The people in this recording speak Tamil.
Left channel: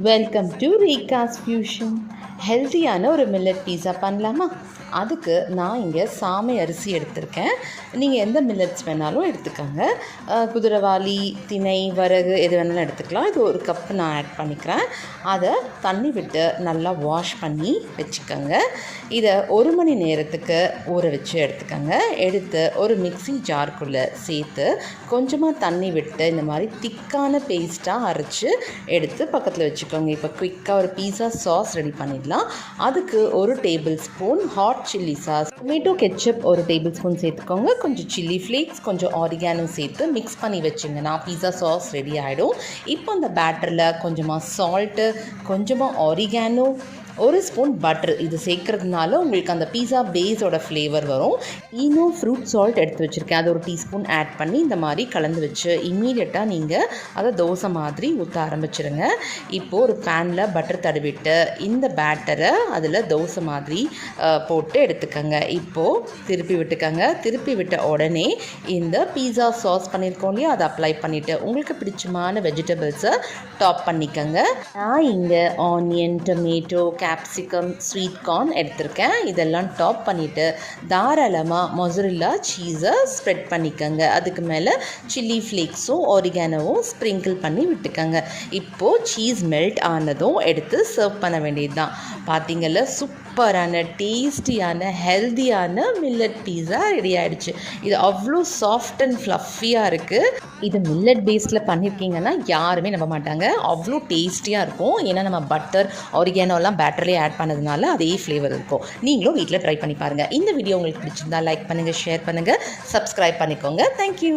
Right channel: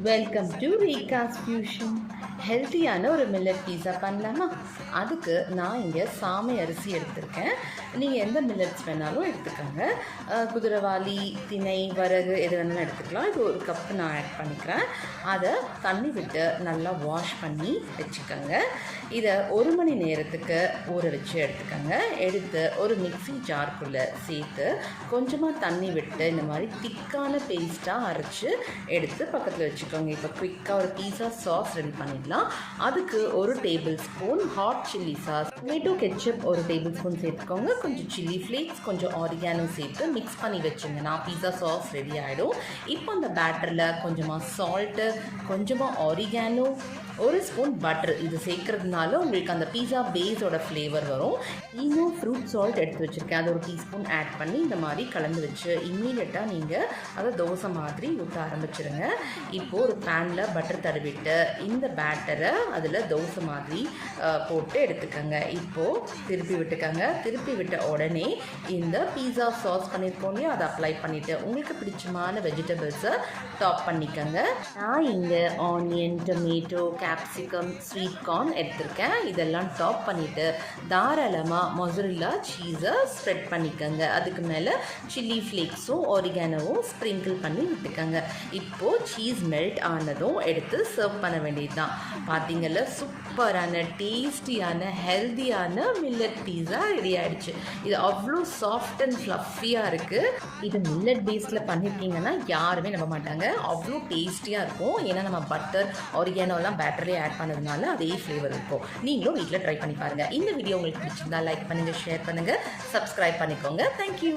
Welcome to ரீகாஸ் fusion. ஹெல்த்தியான ஒரு மில்லட் பீஸா பண்ணலாமா? அதுக்கு நான் இங்கே சாமை அரிசி எடுத்திருக்கேன். நீங்கள் எந்த மில்லட்ஸ் வேணாலும் எடுத்துக்கோங்க. குதிரைவாலி, திணை, வரகு எது வேணாலும் எடுத்துக்கலாம். இது ஒரு கப்பு நான் ஆட் பண்ணிக்கிறேன். அதை தண்ணி விட்டு நல்லா வாஷ் பண்ணி வச்சுக்கோங்க. இதை 1 மணி நேரத்துக்கு ஊற வச்சு எடுத்துக்கோங்க. எடுத்து ஒரு மிக்ஸி ஜார்க்குள்ளே சேர்த்து கொஞ்சமாக தண்ணி விட்டு இந்த மாதிரி திக்கான பேஸ்ட்டாக அரைச்சி எடுத்து பக்கத்தில் வச்சுக்கோங்க. இப்போ குயிக்காக ஒரு பீஸா சாஸ் ரெடி பண்ணிடலாம். அதுக்கு 1 table spoon hot chilli sauce, tomato ketchup 1 table spoon சேர்த்துக்கோங்க. கொஞ்சம் சில்லி ஃப்ளேக்ஸ், கொஞ்சம் ஆரிகானோ சேர்த்து மிக்ஸ் பண்ணி வச்சுங்கன்னா பீஸா சாஸ் ரெடி ஆகிடும். இப்போ அந்த பேட்டரில் கொஞ்சமாக சால்ட்டு, கொஞ்சமாக ஆரிகானோ, 1 ஸ்பூன் பட்டர் இது சேர்க்கறதுனால உங்களுக்கு அந்த பீஸா பேஸோட ஃப்ளேவர் வரும். இன்னும் ஃப்ரூட் சால்ட் எடுத்து வச்சுருக்கேன், அது 1 டீஸ்பூன் ஆட் பண்ணி இந்த மாதிரி கலந்து வச்சு இம்மீடியட்டாக நீங்கள் அதை தோசை மாதிரி ஊற்ற ஆரம்பிச்சிருங்க. இப்போது ஒரு பேனில் பட்டர் தடவிட்டு இந்த பேட்டரை அதில் தோசை மாதிரி போட்டு எடுத்துக்கோங்க. இப்போது திருப்பி விட்டுக்கோங்க. திருப்பி விட்ட உடனே இந்த பீஸா சாஸ் பண்ணியிருக்கோம் இல்லையா, அதை அப்ளை பண்ணிவிட்டு உங்களுக்கு பிடிச்சமான வெஜிடபிள்ஸை டாப் பண்ணிக்கோங்க. நான் இங்கே onion, tomato, capsicum, sweet corn எடுத்திருக்கேன். இதெல்லாம் டாப் பண்ணிவிட்டு தாராளமாக மொசரெல்லா சீஸை ஸ்ப்ரெட் பண்ணிக்கோங்க. அதுக்கு மேலே சில்லி ஃப்ளேக்ஸும் ஆரிகானோவும் ஸ்ப்ரிங்கிள் பண்ணி விட்டுக்கோங்க. இப்போது சீஸ் மெல்ட் ஆனதும் எடுத்து சர்வ் பண்ண வேண்டியது தான். பார்த்தீங்கல்ல, சூப்பரான டேஸ்டியான ஹெல்த்தியான மில்லட் பீஸா ரெடி ஆகிடுச்சு. இது அவ்வளோ சாஃப்ட் அண்ட் ஃப்ளஃபியாக இருக்குது. இது மில்லட் பேஸில் பண்ணியிருக்கீங்கன்னா யாருமே நம்ப மாட்டாங்க, அவ்வளோ டேஸ்டியாக இருக்கும். ஏன்னா நம்ம பட்டர், ஆரிகானோலாம் பேட்டர்லேயே ஆட் பண்ணதுனால அதே ஃப்ளேவர் இருக்கும். நீங்களும் வீட்டில் ட்ரை பண்ணி பாருங்கள். இந்த வீடியோ உங்களுக்கு பிடிச்சிருந்தா லைக் பண்ணுங்கள், ஷேர் பண்ணுங்கள், சப்ஸ்கிரைப் பண்ணிக்கோங்க. தேங்க்யூ.